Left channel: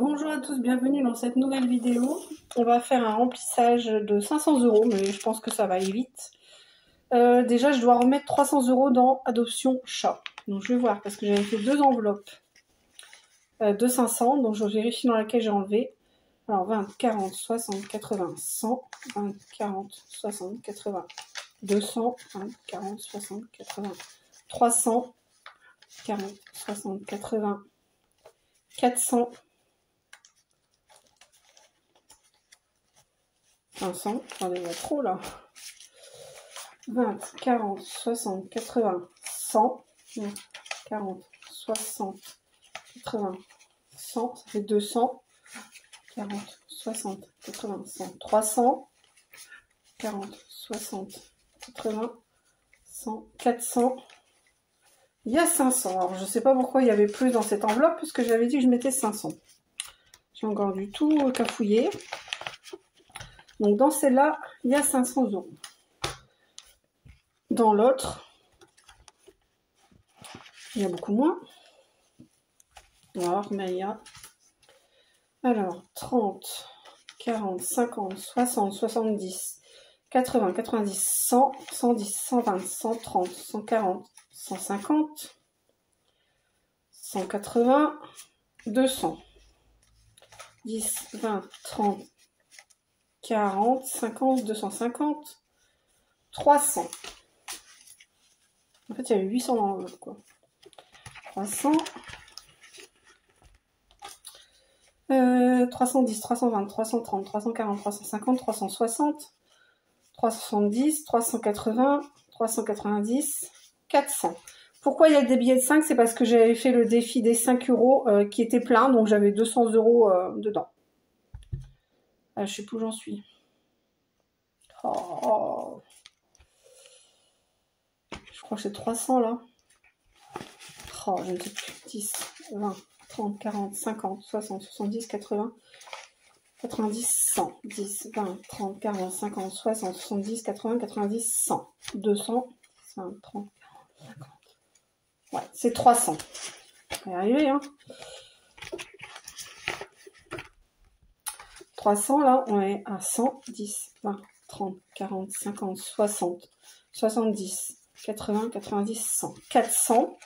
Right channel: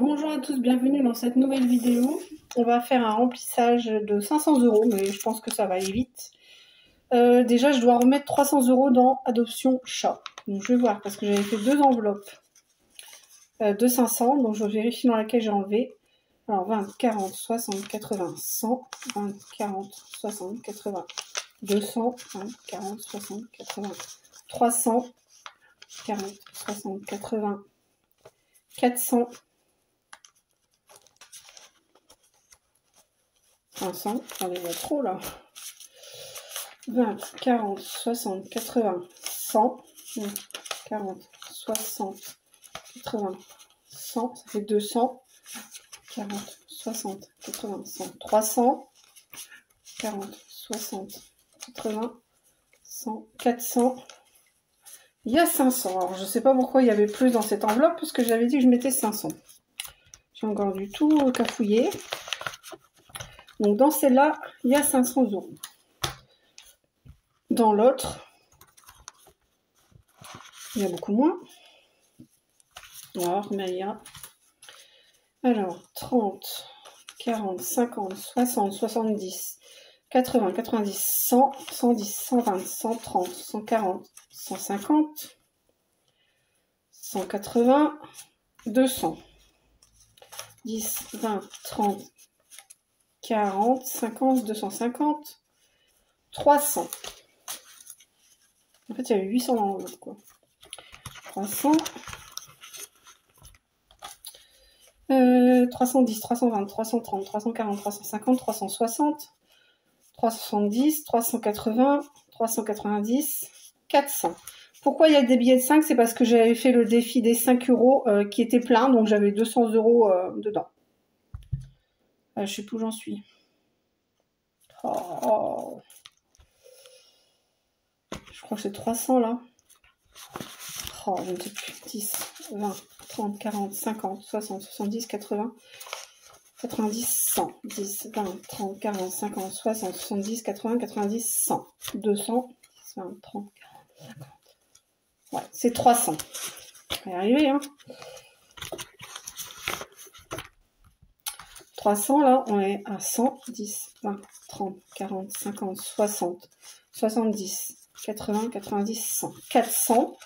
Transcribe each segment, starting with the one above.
Bonjour à tous, bienvenue dans cette nouvelle vidéo. On va faire un remplissage de 500 €, mais je pense que ça va aller vite. Déjà, je dois remettre 300 € dans Adoption Chat. Donc je vais voir, parce que j'avais fait deux enveloppes de 500, donc je vérifie dans laquelle j'ai enlevé. Alors 20, 40, 60, 80, 100, 20, 40, 60, 80, 200, 20, 40, 60, 80, 300, 40, 60, 80, 400, 500, j'en ai trop là. 20, 40, 60, 80, 100, 40, 60, 80, 100, ça fait 200, 40, 60, 80, 100, 300, 40, 60, 80, 100, 400, il y a 500. Alors je sais pas pourquoi il y avait plus dans cette enveloppe, parce que j'avais dit que je mettais 500. J'ai encore du tout cafouillé. Donc dans celle-là, il y a 500 €. Dans l'autre, il y a beaucoup moins. Alors, mais il y a... Alors, 30, 40, 50, 60, 70, 80, 90, 100, 110, 120, 130, 140, 150, 180, 200, 10, 20, 30, 40, 50, 250, 300. En fait, il y avait 800 dans l'enveloppe, quoi. 300, 310, 320, 330, 340, 350, 360, 370, 380, 390, 400. Pourquoi il y a des billets de 5? C'est parce que j'avais fait le défi des 5 € qui était plein, donc j'avais 200 € dedans. Je sais plus où j'en suis. Oh. Je crois que c'est 300 là. Oh, je ne sais plus. 10, 20, 30, 40, 50, 60, 70, 80, 90, 100. 10, 20, 30, 40, 50, 60, 70, 80, 90, 100. 200, 20, 30, 40, 50. Ouais, c'est 300. On va y arriver, hein. 300, là, on est à 100, 10, 20, 30, 40, 50, 60, 70, 80, 90, 100. 400.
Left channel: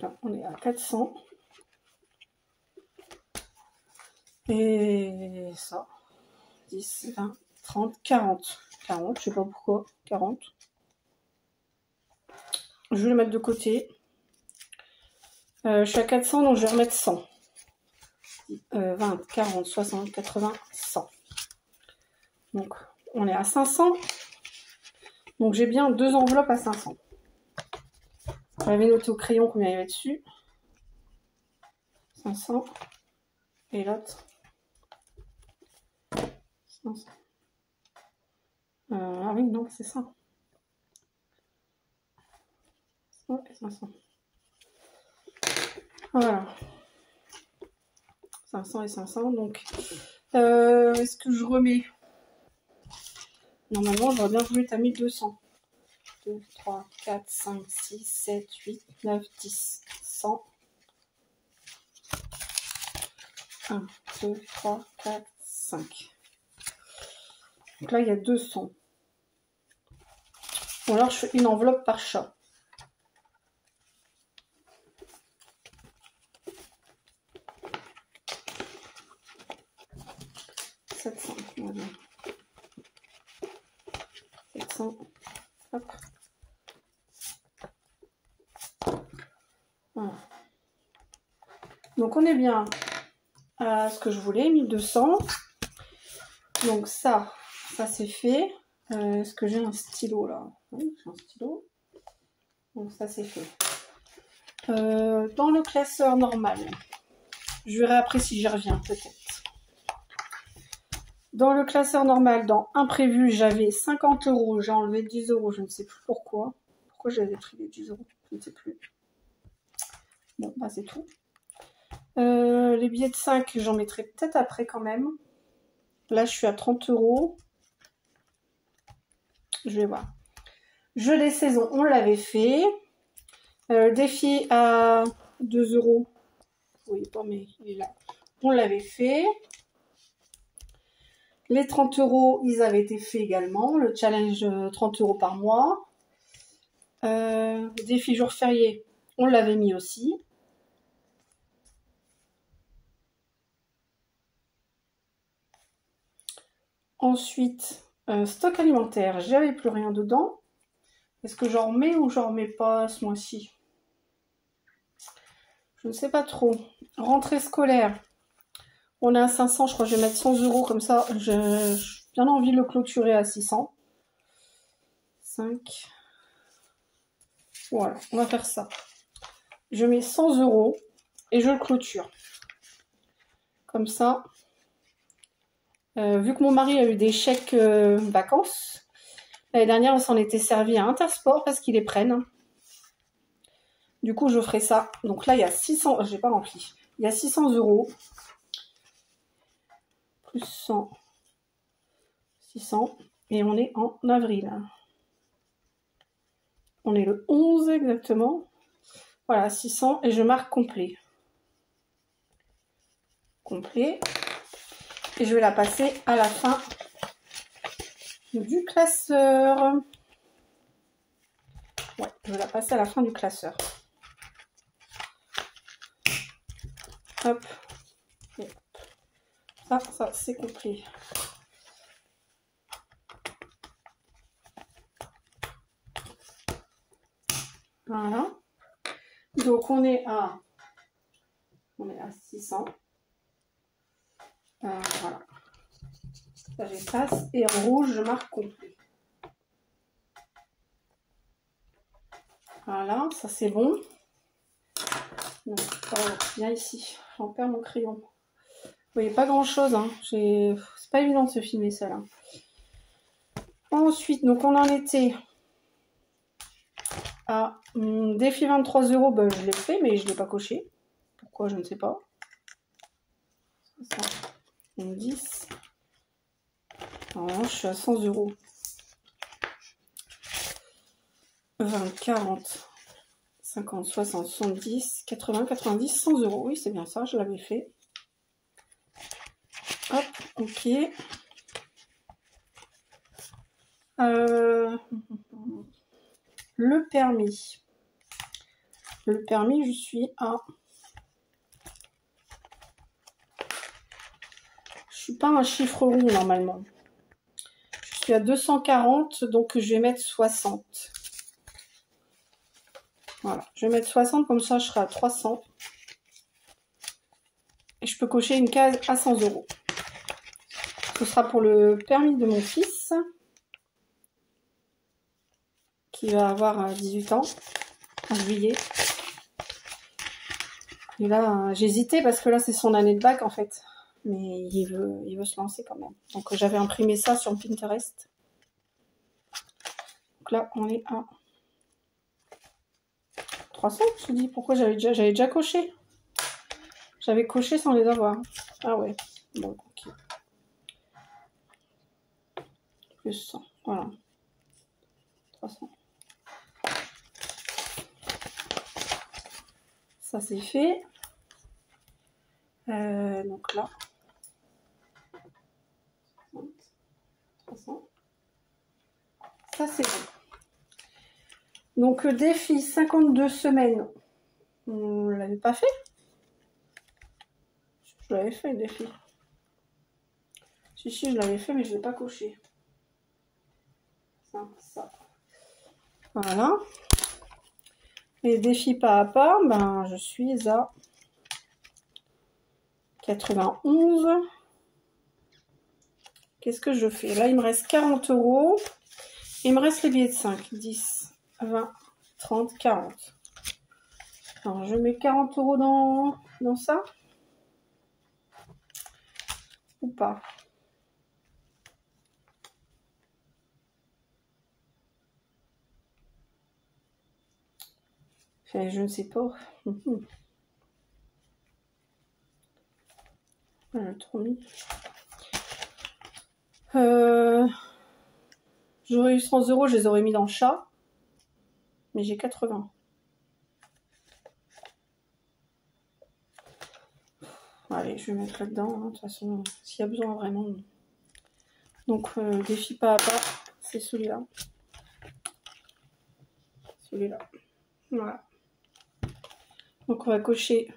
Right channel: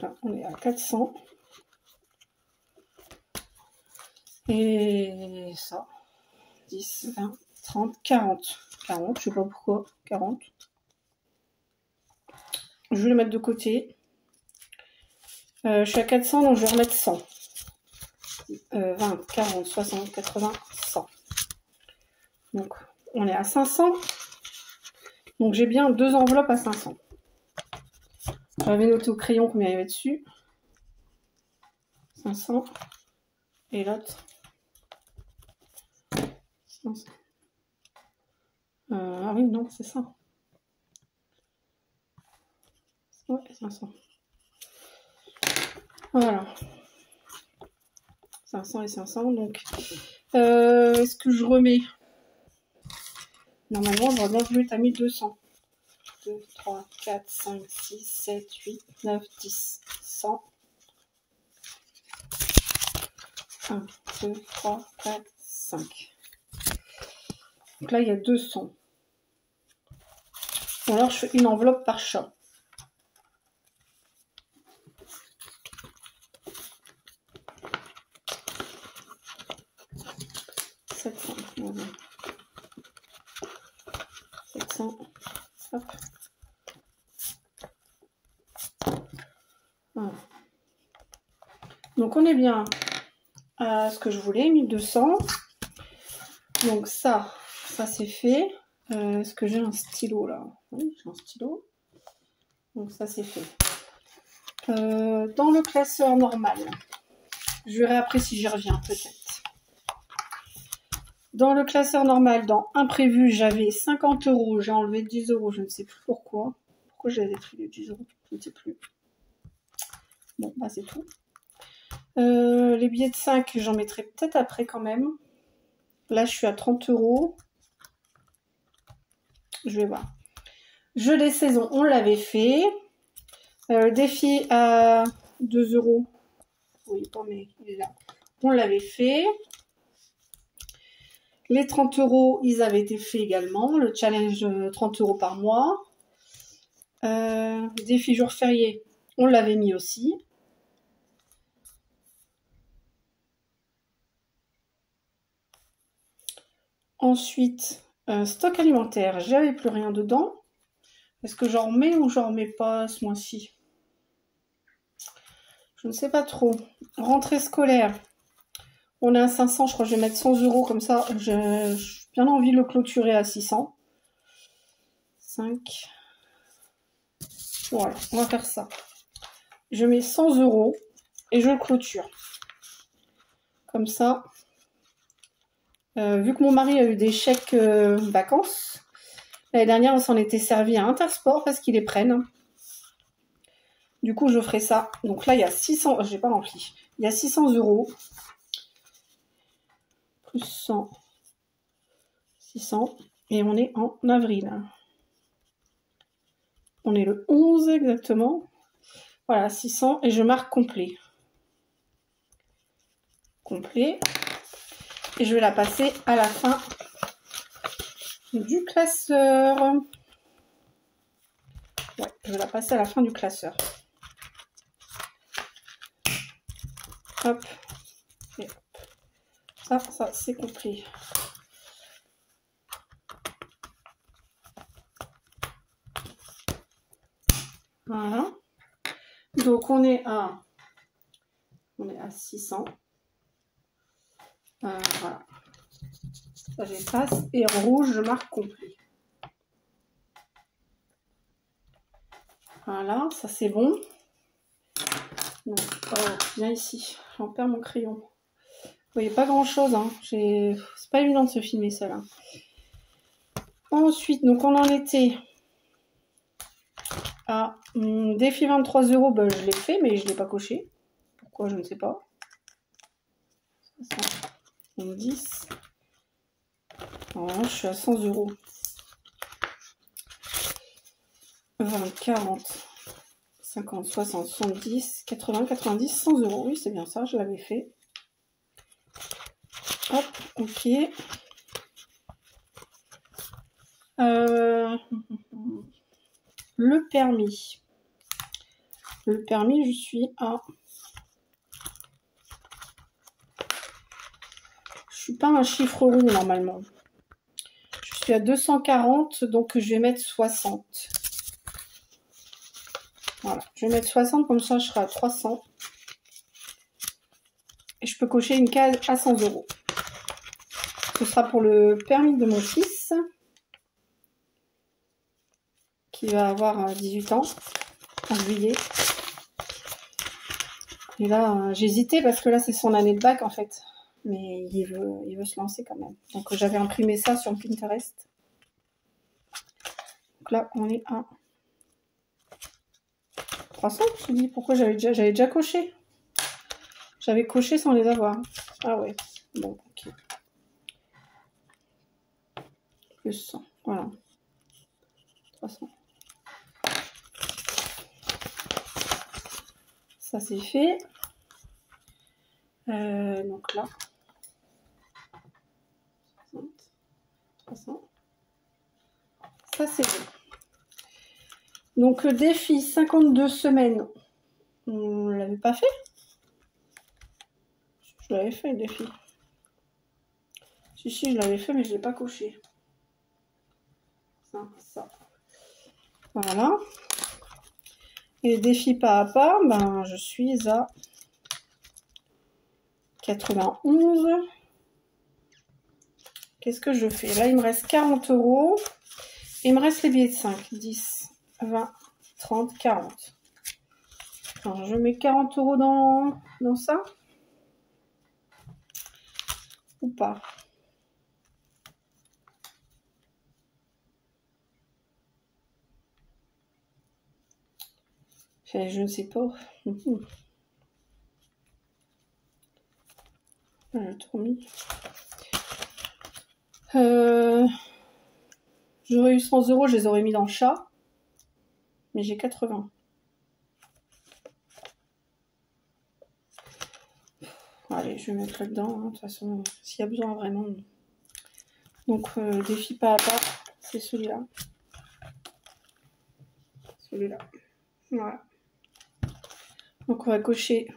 Là, on est à 400. Et ça, 10, 20, 30, 40. 40, je sais pas pourquoi, 40. Je vais le mettre de côté. Je suis à 400, donc je vais remettre 100. 20, 40, 60, 80, 100. Donc, on est à 500. Donc, j'ai bien deux enveloppes à 500. J'avais noté au crayon combien il y avait dessus. 500. Et l'autre. 500. Ah oui, non, c'est ça. Ouais, 500. Voilà. 500 et 500. Donc, est-ce que je remets? Normalement, j'aurais bien voulu être à 1200. 2, 3, 4, 5, 6, 7, 8, 9, 10, 100. 1, 2, 3, 4, 5. Donc là, il y a 200. Ou alors, je fais une enveloppe par chat. Voilà. 700. Hop. Voilà. Donc on est bien à ce que je voulais, 1200. Donc ça c'est fait. Est-ce que j'ai un stylo là? Oui, j'ai un stylo. Donc ça c'est fait. Dans le classeur normal, je verrai après si j'y reviens peut-être. Dans le classeur normal, dans imprévu, j'avais 50 €. J'ai enlevé 10 €. Je ne sais plus pourquoi. Pourquoi j'avais pris les 10 €? Je ne sais plus. Bon, bah c'est tout. Les billets de 5, j'en mettrai peut-être après quand même. Là, je suis à 30 €. Je vais voir. Jeu des saisons, on l'avait fait. Défi à 2 euros. Oui, bon, mais il est là. On l'avait fait. Les 30 euros, ils avaient été faits également. Le challenge 30 euros par mois. Défi jour férié, on l'avait mis aussi. Ensuite, stock alimentaire, j'avais plus rien dedans. Est-ce que j'en remets ou j'en remets pas ce mois-ci? Je ne sais pas trop. Rentrée scolaire, on est à 500, je crois que je vais mettre 100 euros comme ça. J'ai bien envie de le clôturer à 600. 5. Ouais, on va faire ça. Je mets 100 euros et je le clôture. Comme ça. Vu que mon mari a eu des chèques vacances, l'année dernière on s'en était servi à Intersport parce qu'ils les prennent. Du coup je ferai ça. Donc là il y a 600, j'ai pas rempli. Il y a 600 euros. Plus 100. 600. Et on est en avril. On est le 11 exactement. Voilà, 600 et je marque complet. Complet. Et je vais la passer à la fin du classeur. Ouais, je vais la passer à la fin du classeur. Hop. Et hop. Ça c'est complet. Voilà. Donc on est à 600. Voilà. Ça j'efface et en rouge je marque complet. Voilà, ça c'est bon. Donc, viens ici, j'en perds mon crayon. Vous voyez pas grand chose, hein. C'est pas évident de se filmer ça là. Ensuite, donc on en était à défi 23 euros, ben, je l'ai fait, mais je ne l'ai pas coché. Pourquoi, je ne sais pas. 10. Alors, je suis à 100 euros. 20, 40, 50, 60, 70, 80, 90, 100 euros. Oui, c'est bien ça, je l'avais fait. Hop, ok. Le permis. Le permis, je suis à... Je suis pas un chiffre rond normalement. Je suis à 240, donc je vais mettre 60. Voilà, je vais mettre 60, comme ça je serai à 300. Et je peux cocher une case à 100 euros. Ce sera pour le permis de mon fils, qui va avoir 18 ans en juillet. Et là, j'hésitais parce que là, c'est son année de bac en fait. Mais il veut se lancer quand même. Donc j'avais imprimé ça sur Pinterest. Donc là, on est à 300, je me dis. Pourquoi j'avais déjà coché? J'avais coché sans les avoir. Ah ouais. Bon, ok. Plus 100. Voilà. 300. Ça, c'est fait. Donc là. 60, 300. Ça, c'est fait. Donc, défi 52 semaines. On ne l'avait pas fait? Je l'avais fait, le défi. Si, je l'avais fait, mais je ne l'ai pas coché. Ça. Voilà. Et défi pas à pas, ben, je suis à 91. Qu'est-ce que je fais? Là, il me reste 40 euros. Il me reste les billets de 5. 10, 20, 30, 40. Alors, je mets 40 euros dans ça. Ou pas? Enfin, je ne sais pas. J'ai trop mis. J'aurais eu 100 euros, je les aurais mis dans le chat. Mais j'ai 80. Allez, je vais mettre là-dedans, hein, de toute façon, s'il y a besoin vraiment. Donc, défi pas à pas, c'est celui-là. Celui-là. Voilà. Donc, on va cocher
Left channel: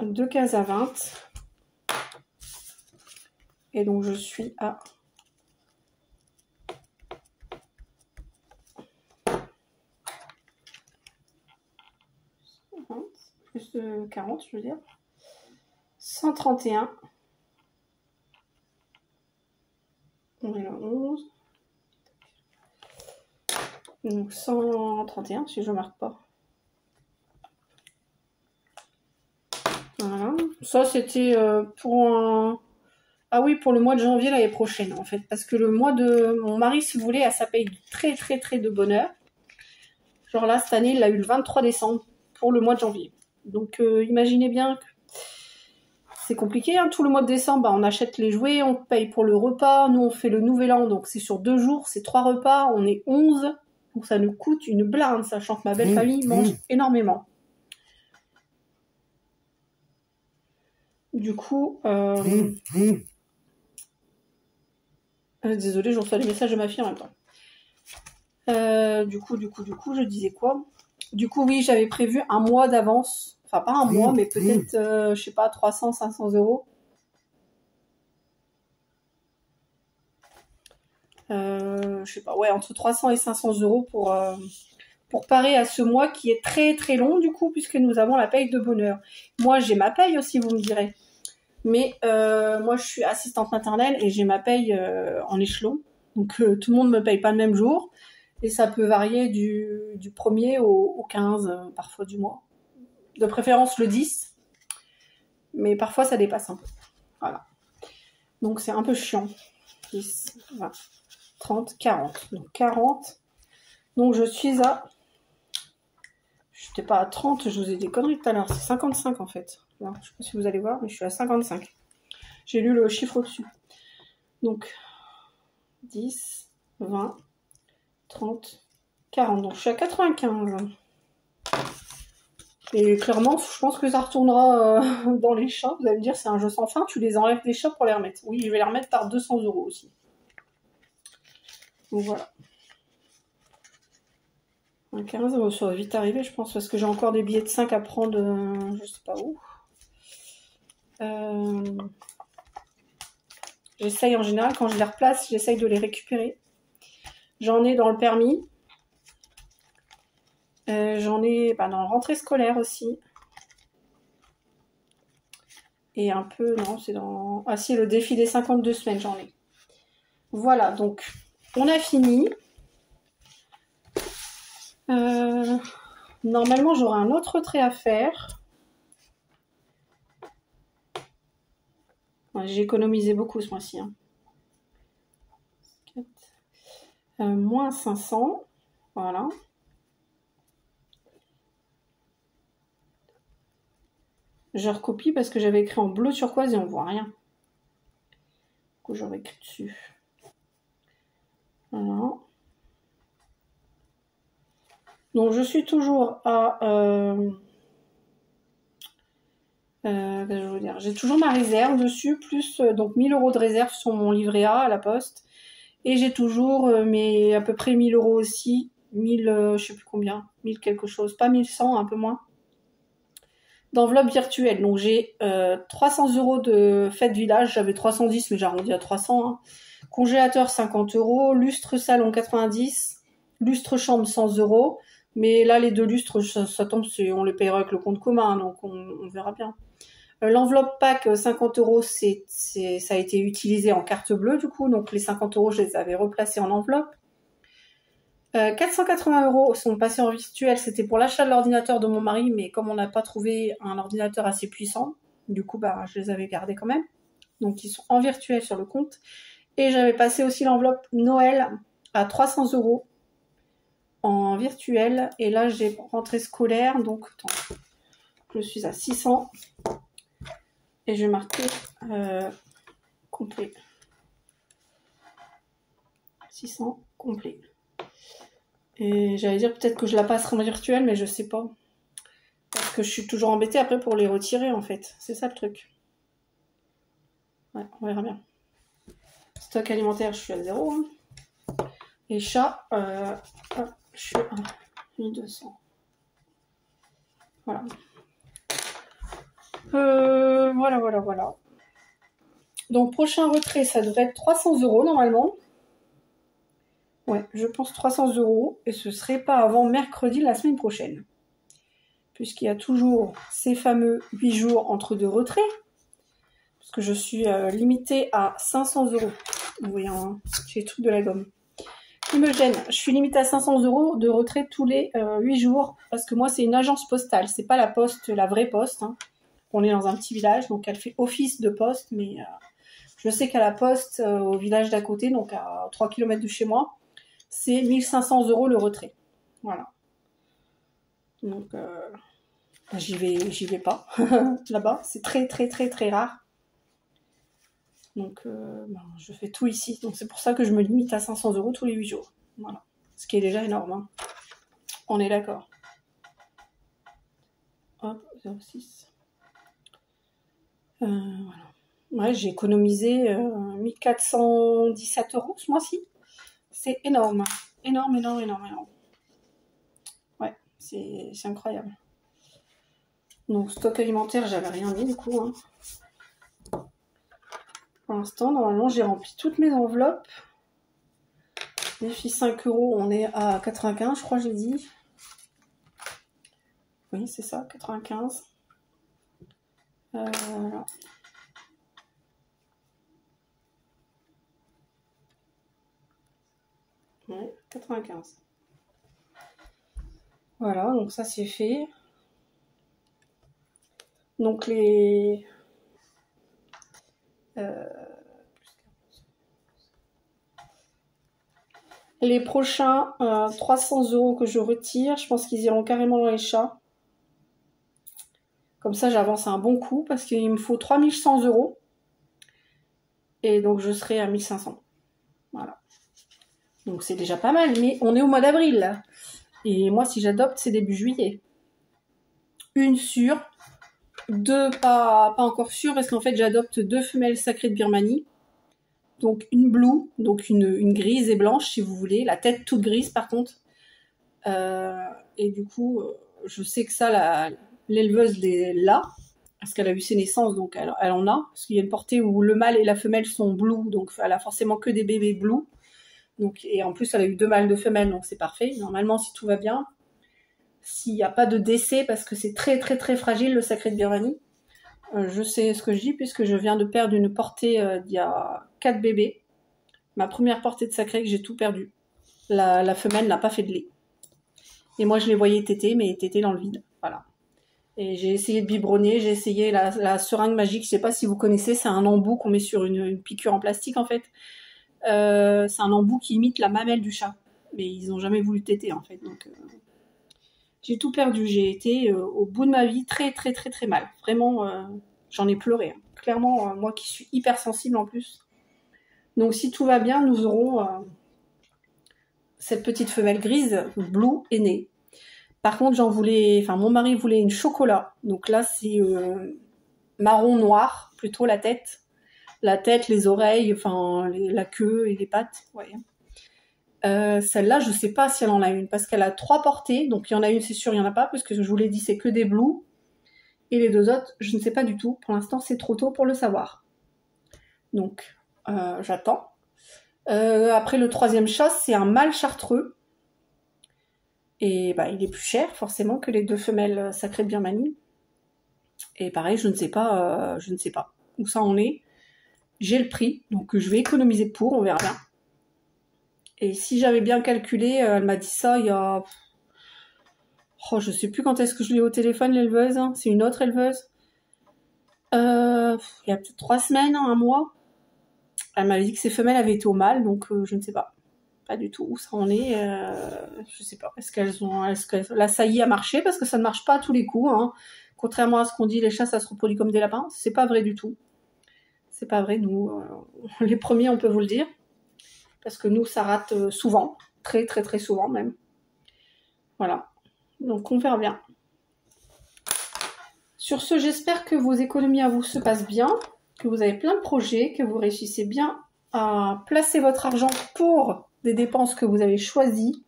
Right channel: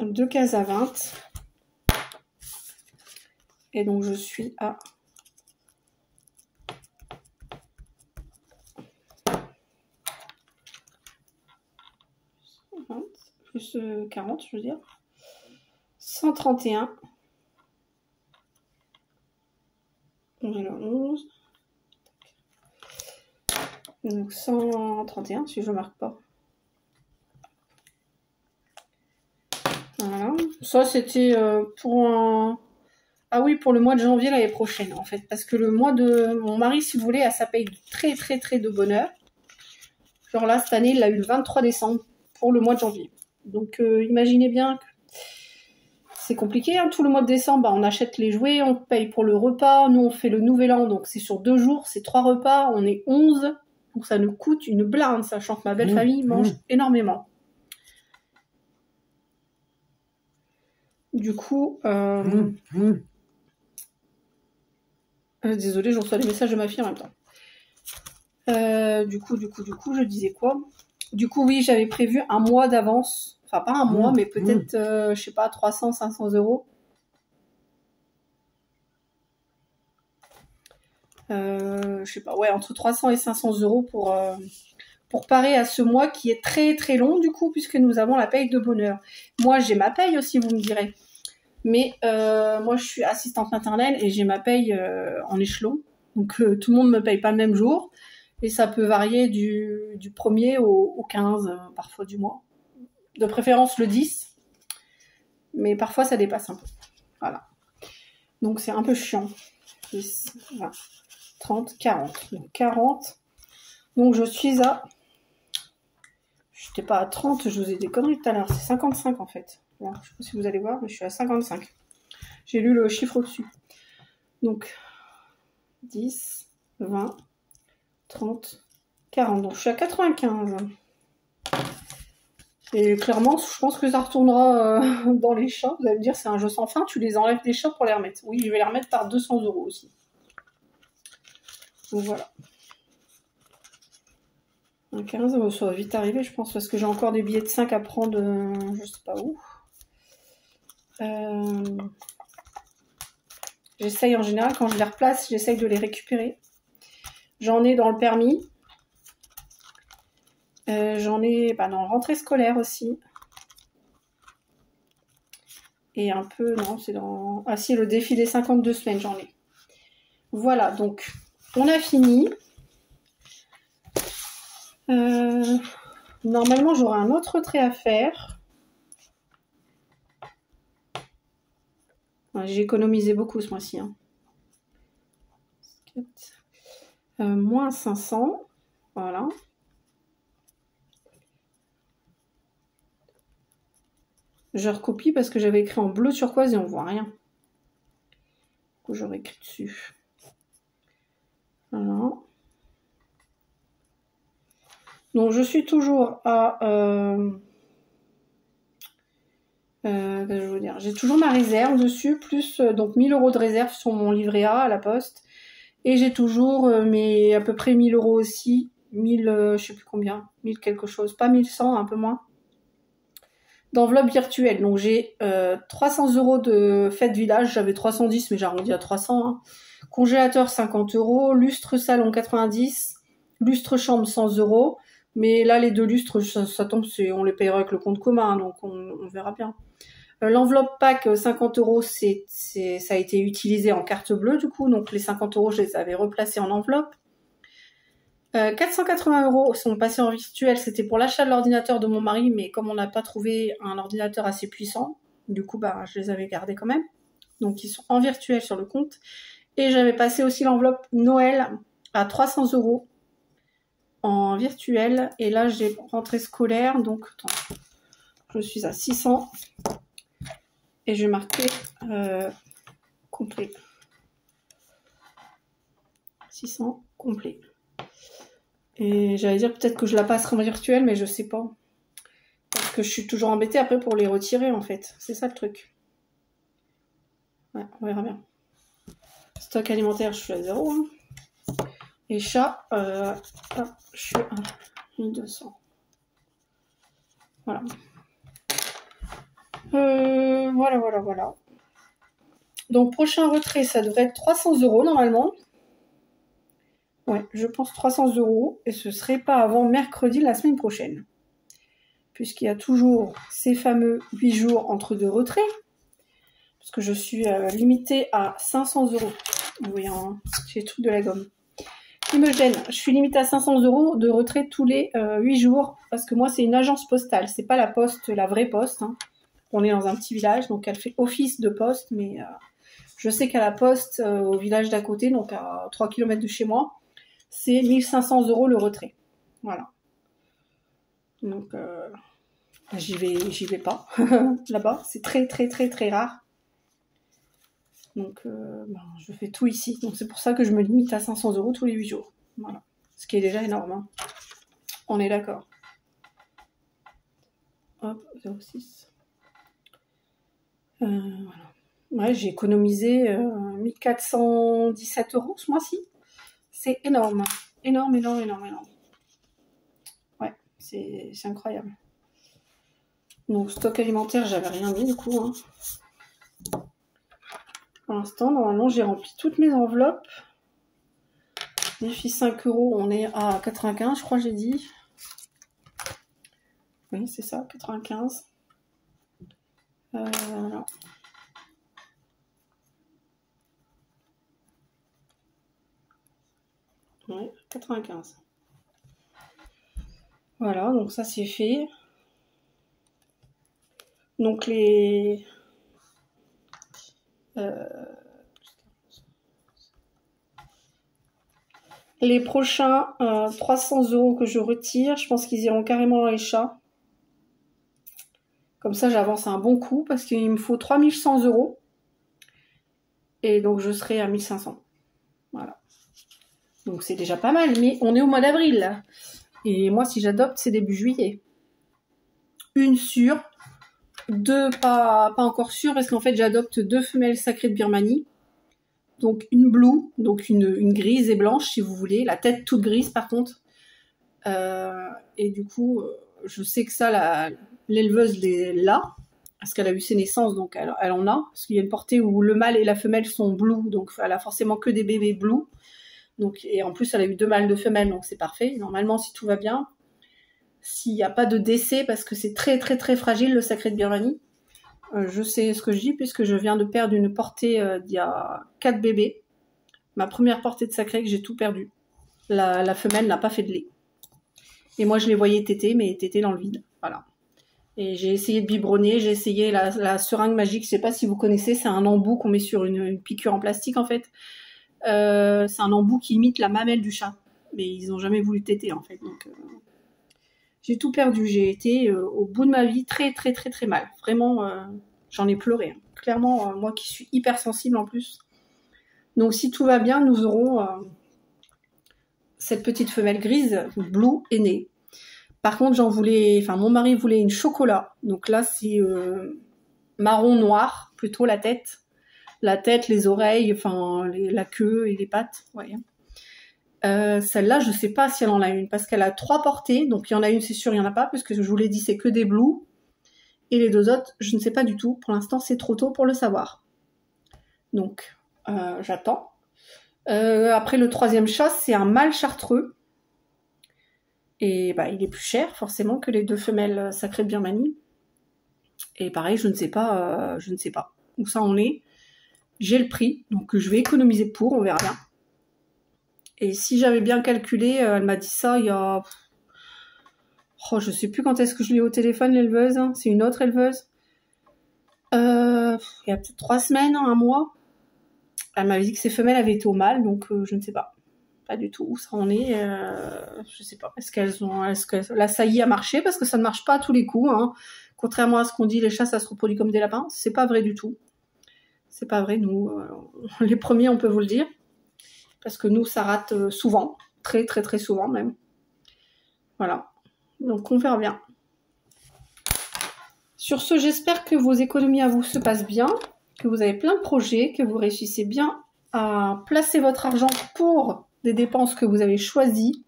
2 cases à 20. Et donc, je suis à 20, plus 40, je veux dire. 131. On est là 11. Donc 131 si je ne marque pas. Voilà. Ça c'était pour un... Ah oui, pour le mois de janvier l'année prochaine en fait. Parce que le mois de... Mon mari se voulait à sa paye de très de bonheur. Genre là, cette année, il l'a eu le 23 décembre pour le mois de janvier. Donc imaginez bien que c'est compliqué. Hein. Tout le mois de décembre, bah, on achète les jouets, on paye pour le repas. Nous, on fait le nouvel an, donc c'est sur 2 jours, c'est 3 repas. On est 11. Donc ça nous coûte une blinde, sachant que ma belle famille mange énormément. Du coup, désolée, je reçois le message de ma fille en même temps. Du coup, je disais quoi? Du coup, oui, j'avais prévu un mois d'avance. Enfin, pas un mois, mais peut-être, je sais pas, 300, 500 euros. Je sais pas, ouais, entre 300 et 500 euros pour parer à ce mois qui est très long, du coup, puisque nous avons la paye de bonheur. Moi, j'ai ma paye aussi, vous me direz. Mais moi, je suis assistante maternelle et j'ai ma paye en échelon. Donc, tout le monde ne me paye pas le même jour. Et ça peut varier du 1er au 15, parfois du mois. De préférence le 10. Mais parfois, ça dépasse un peu. Voilà. Donc, c'est un peu chiant. 10, 20, 30, 40. Donc, 40. Donc, je suis à... Je n'étais pas à 30, je vous ai dit des conneries tout à l'heure. C'est 55 en fait. Alors, je ne sais pas si vous allez voir, mais je suis à 55. J'ai lu le chiffre au-dessus. Donc, 10, 20, 30, 40. Donc, je suis à 95. Et clairement, je pense que ça retournera dans les chats. Vous allez me dire, c'est un jeu sans fin. Tu les enlèves des chats pour les remettre. Oui, je vais les remettre par 200 euros aussi. Donc, voilà. Un 15, ça va vite arriver, je pense, parce que j'ai encore des billets de 5 à prendre, je sais pas où. J'essaye en général, quand je les replace, j'essaye de les récupérer. J'en ai dans le permis. J'en ai dans la rentrée scolaire aussi. Et un peu, non, c'est dans... Ah si, le défi des 52 semaines, j'en ai. Voilà, donc, on a fini. Normalement, j'aurai un autre trait à faire. J'ai économisé beaucoup ce mois-ci. Hein. Moins 500. Voilà. Je recopie parce que j'avais écrit en bleu turquoise et on voit rien. Du coup, j'aurais écrit dessus. Voilà. Donc, je suis toujours à... je veux dire, j'ai toujours ma réserve dessus, plus donc 1000 euros de réserve sur mon livret A à la poste. Et j'ai toujours à peu près 1000 euros aussi. 1000, je sais plus combien. 1000 quelque chose. Pas 1100, un peu moins. D'enveloppe virtuelle. Donc j'ai 300 euros de fête village. J'avais 310, mais j'ai arrondi à 300. Hein. Congélateur 50 euros. Lustre salon 90. Lustre chambre 100 euros. Mais là, les 2 lustres, ça tombe, on les payera avec le compte commun. Donc on verra bien. L'enveloppe pack 50 euros, ça a été utilisé en carte bleue du coup. Donc les 50 euros, je les avais replacés en enveloppe. 480 euros sont passés en virtuel, c'était pour l'achat de l'ordinateur de mon mari, mais comme on n'a pas trouvé un ordinateur assez puissant, du coup, je les avais gardés quand même. Donc, ils sont en virtuel sur le compte. Et j'avais passé aussi l'enveloppe Noël à 300 euros en virtuel. Et là, j'ai rentrée scolaire, donc, attends, je suis à 600. Et je vais marquer complet. 600 complet. Et j'allais dire peut-être que je la passerai en virtuel, mais je sais pas. que je suis toujours embêtée après pour les retirer en fait. C'est ça le truc. Ouais, on verra bien. Stock alimentaire, je suis à 0. Hein. Et chat, je suis à 1200. Voilà. Voilà. Donc, prochain retrait, ça devrait être 300 € normalement. Ouais, je pense 300 €. Et ce serait pas avant mercredi la semaine prochaine. Puisqu'il y a toujours ces fameux 8 jours entre deux retraits. Parce que je suis limitée à 500 €. Vous voyez, hein, j'ai le truc de la gomme. Qui me gêne. Je suis limitée à 500 € de retrait tous les 8 jours. Parce que moi, c'est une agence postale. C'est pas la poste, la vraie poste. Hein. On est dans un petit village, donc elle fait office de poste. Mais je sais qu'à la poste, au village d'à côté, donc à 3 km de chez moi, c'est 1500 € le retrait. Voilà. Donc, j'y vais pas. Là-bas, c'est très rare. Donc, je fais tout ici. Donc, c'est pour ça que je me limite à 500 € tous les 8 jours. Voilà. Ce qui est déjà énorme. Hein. On est d'accord. Hop, 0,6. Voilà. Ouais, j'ai économisé 1417 € ce mois-ci. C'est énorme. Énorme. Ouais, c'est incroyable. Donc, stock alimentaire, j'avais rien mis du coup. Hein. Pour l'instant, normalement, j'ai rempli toutes mes enveloppes. Défi 5 €, on est à 95, je crois que j'ai dit. Oui, c'est ça, 95. Voilà. Ouais, 95. Voilà, donc ça c'est fait. Donc les prochains 300 € que je retire, je pense qu'ils iront carrément dans les chats. Comme ça, j'avance un bon coup parce qu'il me faut 3100 €. Et donc, je serai à 1500. Voilà. Donc, c'est déjà pas mal. Mais on est au mois d'avril, là. Et moi, si j'adopte, c'est début juillet. Une sûre. Deux pas encore sûres parce qu'en fait, j'adopte 2 femelles sacrées de Birmanie. Donc, une blue, donc une grise et blanche, si vous voulez. La tête toute grise, par contre. Et du coup, je sais que ça, l'éleveuse est là. Parce qu'elle a eu ses naissances, donc elle en a. Parce qu'il y a une portée où le mâle et la femelle sont blue, donc elle a forcément que des bébés blue. Donc, et en plus, elle a eu 2 mâles, 2 femelles, donc c'est parfait. Normalement, si tout va bien, s'il n'y a pas de décès, parce que c'est très fragile, le sacré de Birmanie, je sais ce que je dis, puisque je viens de perdre une portée d'il y a 4 bébés. Ma première portée de sacré, que j'ai tout perdu. La femelle n'a pas fait de lait. Et moi, je les voyais téter, mais téter dans le vide. Voilà. Et j'ai essayé de biberonner, j'ai essayé la seringue magique, je sais pas si vous connaissez, c'est un embout qu'on met sur une piqûre en plastique en fait. C'est un embout qui imite la mamelle du chat. Mais ils n'ont jamais voulu téter en fait. Donc j'ai tout perdu, j'ai été au bout de ma vie très mal. Vraiment, j'en ai pleuré. Hein. Clairement, moi qui suis hypersensible en plus. Donc si tout va bien, nous aurons cette petite femelle grise, blue, est née. Par contre, mon mari voulait une chocolat. Donc là, c'est marron noir, plutôt la tête. La tête, les oreilles, la queue et les pattes. Ouais. Celle-là, je ne sais pas si elle en a une, parce qu'elle a 3 portées. Donc il y en a une, c'est sûr, il n'y en a pas, puisque je vous l'ai dit, c'est que des blues. Et les 2 autres, je ne sais pas du tout. Pour l'instant, c'est trop tôt pour le savoir. Donc, j'attends. Après, le 3e chat, c'est un mâle chartreux. Et il est plus cher forcément que les 2 femelles sacrées de Birmanie. Et pareil, je ne sais pas où ça en est. J'ai le prix, donc je vais économiser pour, on verra bien. Et si j'avais bien calculé, elle m'a dit ça il y a... Oh, je sais plus quand est-ce que je l'ai au téléphone, l'éleveuse. Hein. C'est une autre éleveuse. Il y a peut-être 3 semaines, 1 mois. Elle m'avait dit que ses femelles avaient été au mâle, donc je ne sais pas. Pas du tout où ça en est, je sais pas. Est-ce que la saillie a marché? Parce que ça ne marche pas à tous les coups. Hein. Contrairement à ce qu'on dit, les chats ça se reproduit comme des lapins. C'est pas vrai du tout. C'est pas vrai, nous, les premiers, on peut vous le dire. Parce que nous, ça rate souvent. Très souvent même. Voilà. Donc on verra bien. Sur ce, j'espère que vos économies à vous se passent bien, que vous avez plein de projets, que vous réussissez bien à placer votre argent pour des dépenses que vous avez choisies.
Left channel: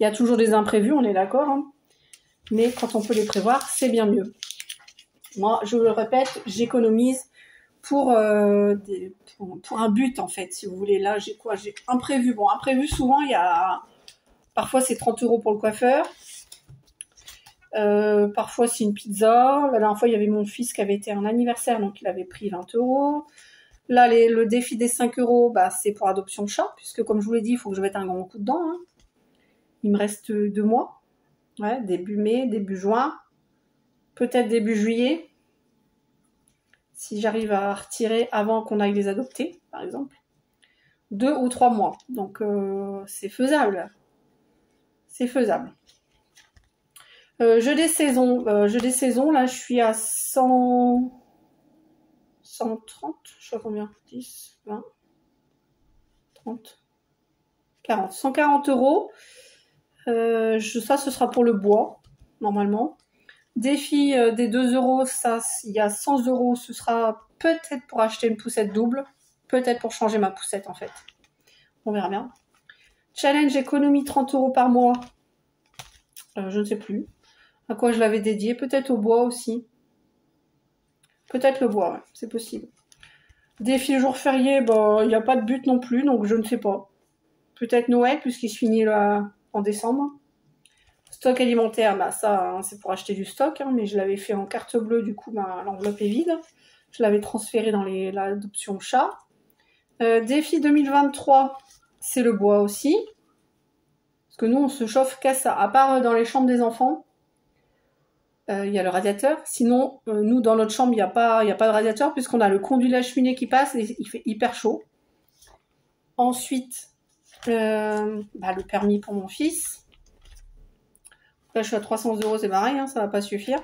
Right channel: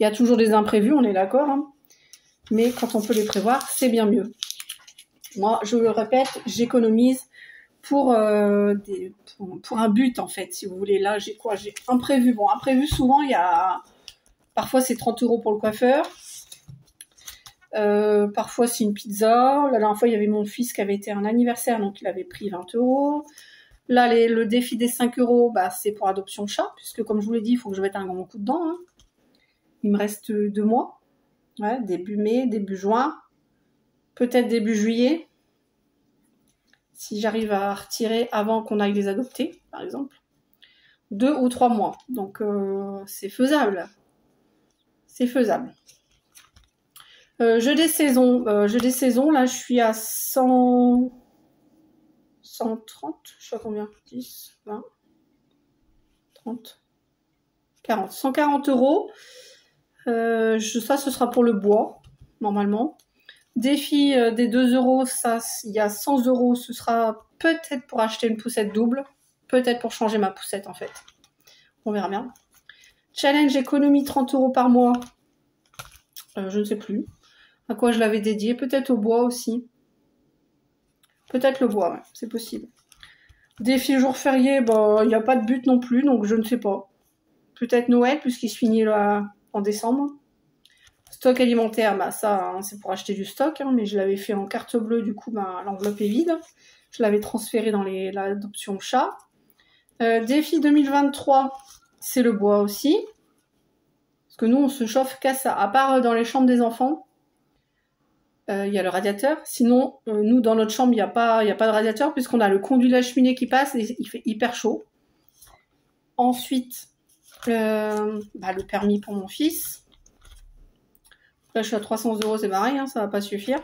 Il y a toujours des imprévus, on est d'accord, hein, mais quand on peut les prévoir, c'est bien mieux. Moi, je le répète, j'économise pour un but, en fait, si vous voulez. Là, j'ai quoi? J'ai imprévu. Bon, imprévu, souvent, il y a... Parfois, c'est 30 € pour le coiffeur. Parfois, c'est une pizza. La dernière fois, il y avait mon fils qui avait été un anniversaire, donc il avait pris 20 €. Là, le défi des 5 €, bah, c'est pour adoption de chat, puisque, comme je vous l'ai dit, il faut que je mette un grand coup dedans. Hein. Il me reste 2 mois. Ouais, début mai, début juin. Peut-être début juillet. Si j'arrive à retirer avant qu'on aille les adopter, par exemple. 2 ou 3 mois. Donc, c'est faisable. C'est faisable. Jeu des saisons. Là, je suis à 130. Je sais pas combien. 10, 20, 30, 40. 140 €. Ça, ce sera pour le bois, normalement. Défi des 2 €, ça, il y a 100 €, ce sera peut-être pour acheter une poussette double, peut-être pour changer ma poussette en fait. On verra bien. Challenge économie 30 € par mois, je ne sais plus à quoi je l'avais dédié, peut-être au bois aussi. Peut-être le bois, ouais, c'est possible. Défi jour férié, bah, il n'y a pas de but non plus, donc je ne sais pas. Peut-être Noël, puisqu'il se finit là en décembre. Stock alimentaire, bah ça, hein, c'est pour acheter du stock, hein, mais je l'avais fait en carte bleue, du coup, bah, l'enveloppe est vide. Je l'avais transféré dans l'adoption chat. Défi 2023, c'est le bois aussi. Parce que nous, on se chauffe qu'à ça. À part dans les chambres des enfants, il y a le radiateur. Sinon, nous, dans notre chambre, il n'y a pas de radiateur, puisqu'on a le conduit de la cheminée qui passe et il fait hyper chaud. Ensuite, le permis pour mon fils. Là, je suis à 300 €, c'est pareil, hein, ça va pas suffire.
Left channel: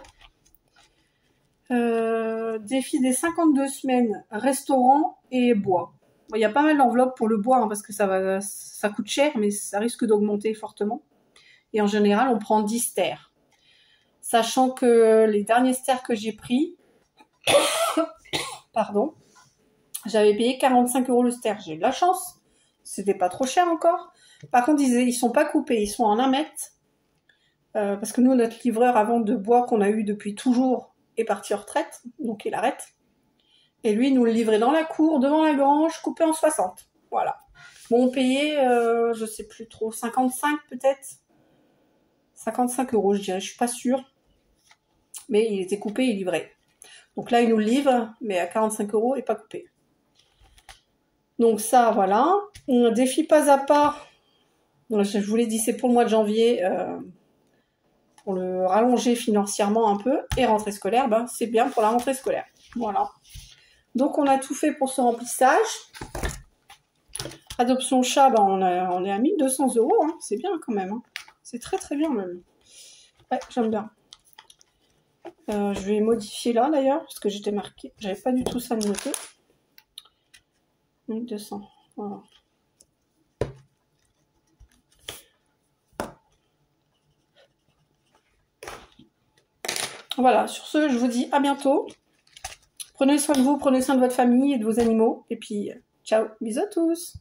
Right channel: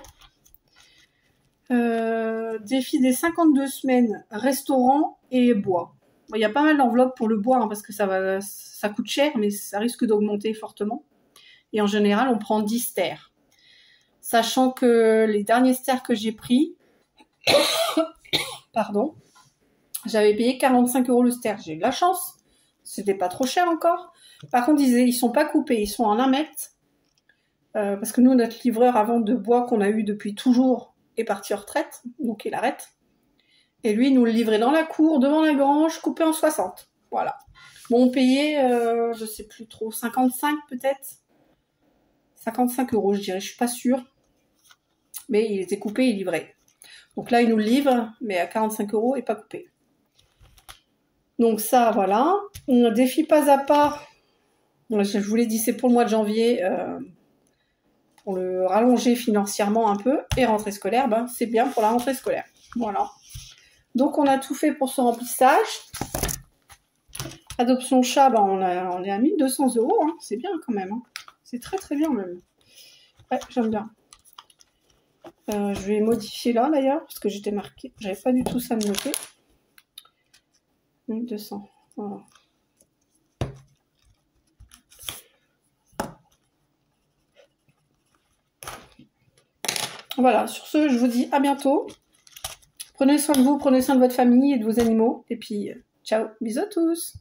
Défi des 52 semaines, restaurant et bois. Il y a pas mal d'enveloppes pour le bois, hein, parce que ça coûte cher, mais ça risque d'augmenter fortement. Et en général, on prend 10 stères. Sachant que les derniers stères que j'ai pris, pardon, j'avais payé 45 € le stère. J'ai eu de la chance. C'était pas trop cher encore. Par contre, ils sont pas coupés, ils sont en 1 mètre. Parce que nous, notre livreur à vente de bois qu'on a eu depuis toujours est parti en retraite, donc il arrête. Et lui, il nous le livrait dans la cour, devant la grange, coupé en 60. Voilà. Bon, on payait, je sais plus trop, 55 peut-être. 55 €, je dirais, je suis pas sûre. Mais il était coupé et livré. Donc là, il nous le livre, mais à 45 € et pas coupé. Donc ça, voilà. Défi pas à pas. Je vous l'ai dit, c'est pour le mois de janvier. Pour le rallonger financièrement un peu, et rentrée scolaire, ben, c'est bien pour la rentrée scolaire. Voilà. Donc on a tout fait pour ce remplissage. Adoption chat, ben, on est à 1200 €, hein. C'est bien quand même. Hein. C'est très très bien même. Ouais, j'aime bien. Je vais modifier là d'ailleurs, parce que j'étais marqué, j'avais pas du tout ça noté. 1200, voilà. Voilà, sur ce, je vous dis à bientôt. Prenez soin de vous, prenez soin de votre famille et de vos animaux. Et puis, ciao, bisous à tous.